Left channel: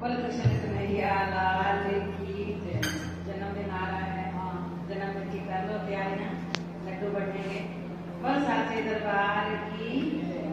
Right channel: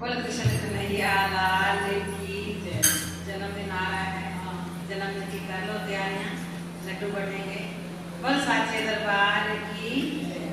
बोल कृष्ण कन्हैया लाल की जय। जन्मदिन आ रहा है, जन्मदिन की कर लो तैयारियां, लड्डू बनेंगे। बोल साचे दरबार की जय।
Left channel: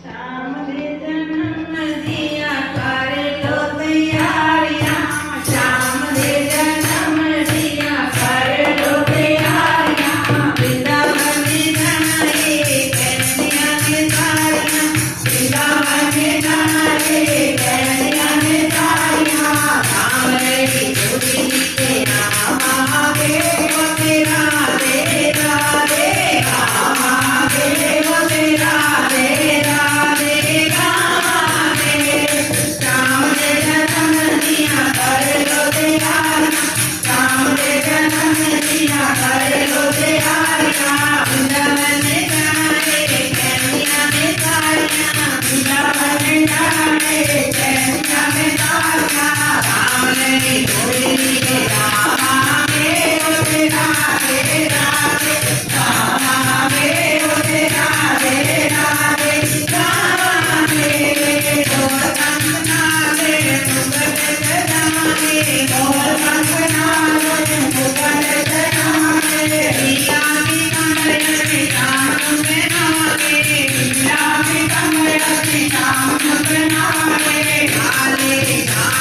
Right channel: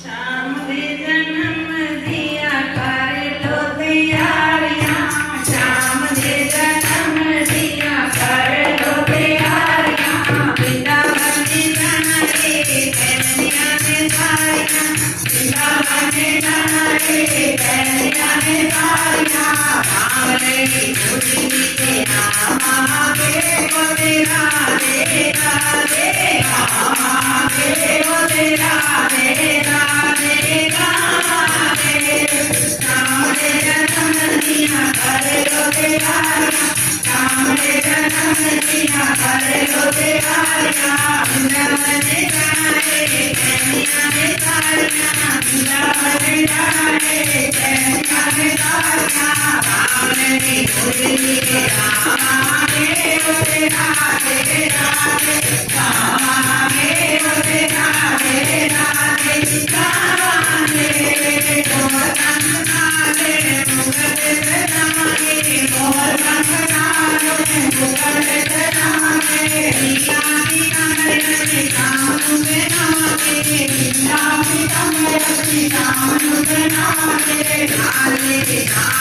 शाम दे जन्म दिया कर लो तैयारियां, शाम दे जन्म दिया कर लो तैयारियां। वृंदावन जाने कन्हैया ने सारियां, वृंदावन जाने कन्हैया ने सारियां। राम रे गोदी के नाम आगे वो तेरा रे राधे, राम आगे वो तेरा रे राधे राधे। राम ने जन्म दिया कर लो तैयारियां, राम ने जन्म दिया कर लो तैयारियां। वृंदावन जाने कन्हैया ने सारियां, वृंदावन जाने कन्हैया ने सारियां। राम ने गोदी के राम आगे वो तेरा रे राधे, राम आगे वो तेरा रे राधे राधे। मोर कंगनाले मुगल जनाने, मोर कंगनाले मुगल जनाने। रिया की कमर से जान बनाने, रिया की कमर से जान बनाने। राधे राम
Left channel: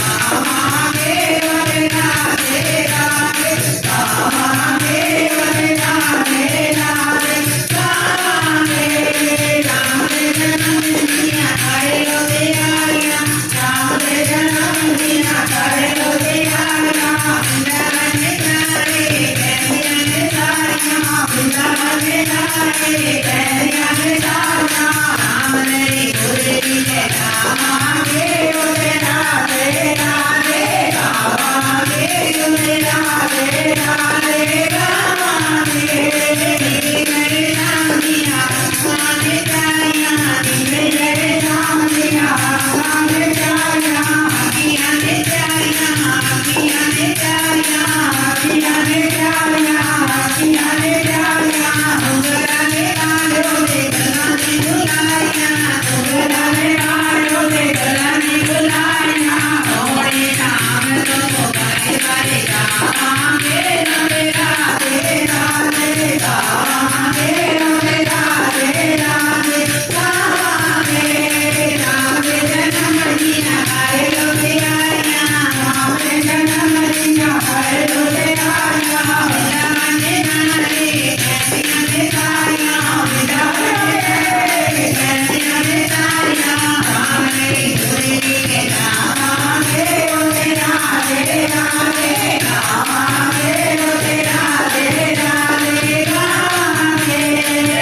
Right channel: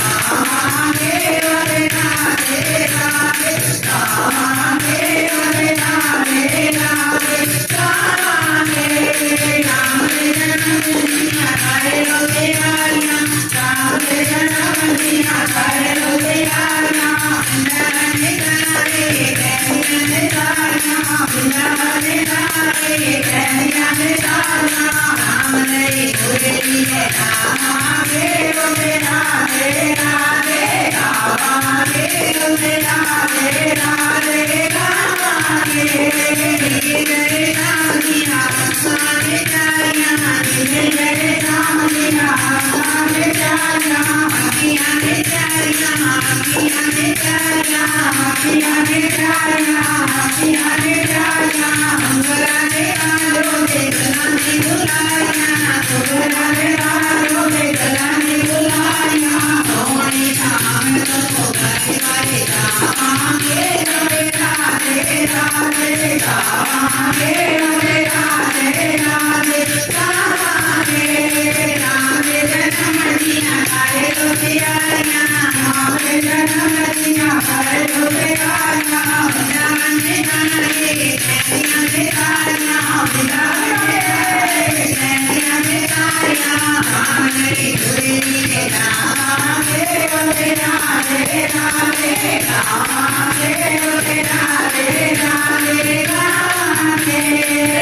राम आगे रे राधे राधे, राम आगे रे राधे राधे राधे। राम ने जन्म दिया कर लो तैयारियां, राम ने जन्म दिया कर लो तैयारियां। वृंदावन जाने कन्हैया ने सारियां, वृंदावन जाने कन्हैया ने सारियां। राम ने गोदी के राम आगे वो तेरा रे राधे, राम आगे वो तेरा रे राधे राधे। रे राम दिया आसमाने जानियां, रे राम दिया आसमाने जानियां। अखियां ने जानियां, अखियां ने जानियां, अखियां ने जानियां, अखियां ने जानियां। मुगला ने आलो के गला ने बुलाइयां, मुगला ने आलो के गला ने बुलाइयां। मोरे राम तो गाए गाए राम आगे रे राधे राधे, राम आगे रे राधे राधे राधे। राम ने जन्म दिया कर लो तैयारियां, राम ने जन्म दिया कर लो तैयारियां। वृंदावन जाने कन्हैया ने सारियां, वृंदावन जाने कन्हैया ने सारियां। राम ने गोदी के राम आगे वो तेरा रे राधे, राम आगे वो तेरा रे राधे राधे।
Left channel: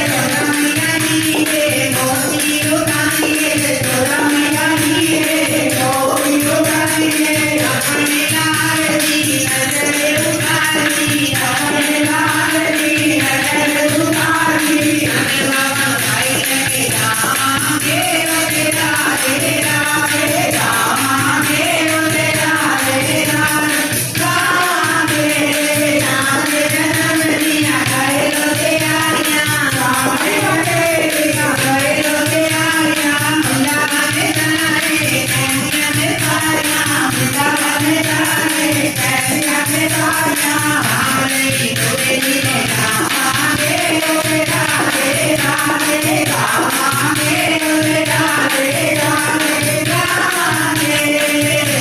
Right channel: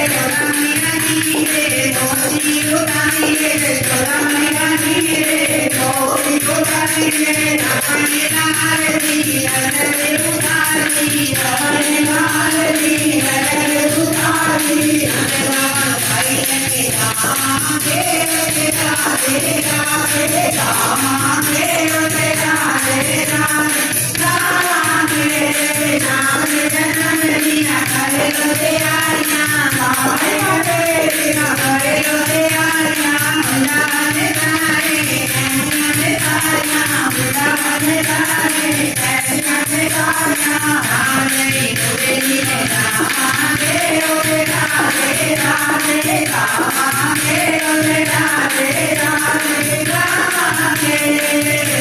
गोरमिया नी रे गोदी उठानी रे, गोरमिया नी रे गोदी उठानी रे। अपने लाल दी अजरे उठानी, अपने लाल दी अजरे उठानी। बाबा भाई के राम आगे वो तेरा रे राधे, राम आगे वो तेरा रे राधे राधे। राम ने जन्म दिया कर लो तैयारियां, राम ने दिया कर लो तैयारियां। वृंदावन जाने कन्हैया ने सारियां, वृंदावन जाने कन्हैया ने सारियां। राम ने गोदी के राम आगे वो तेरा रे राधे, राम आगे वो तेरा रे राधे राधे।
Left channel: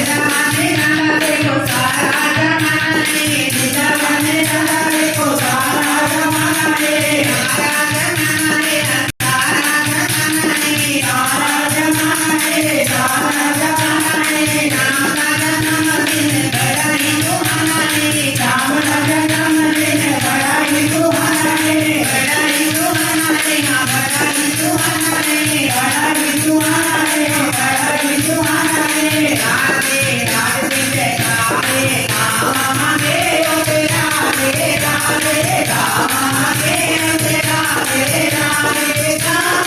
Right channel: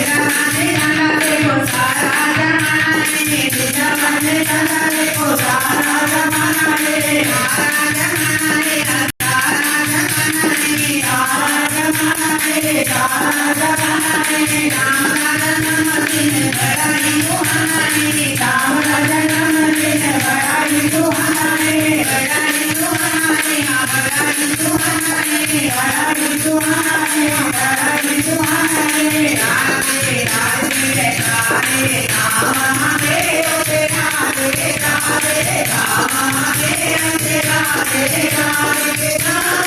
राधे राधे को सारा जमाने, वृंदावन जाने को सारा जमाने। आराधना रे आराधना रे आराधना रे आराधना रे। राम का जन्मदिन बड़ा ही सुहाना, राम का जन्मदिन बड़ा ही सुहाना, बड़ा ही सुहाना, बड़ा ही सुहाना, बड़ा ही सुहाना, बड़ा ही सुहाना। राधे राधे जयकारे राम आगे वो तेरा रे राधे, राम आगे वो तेरा रे राधे राधे।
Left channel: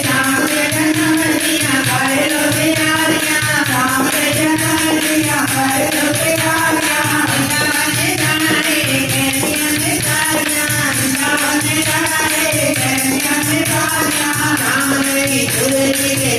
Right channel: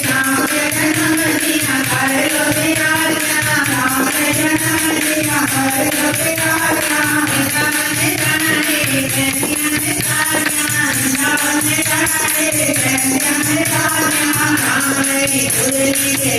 राम ने जन्म दिया कर लो तैयारियां, राम ने जन्म दिया कर लो तैयारियां। वृंदावन जाने कन्हैया ने सारियां, वृंदावन जाने कन्हैया ने सारियां। राम ने Hare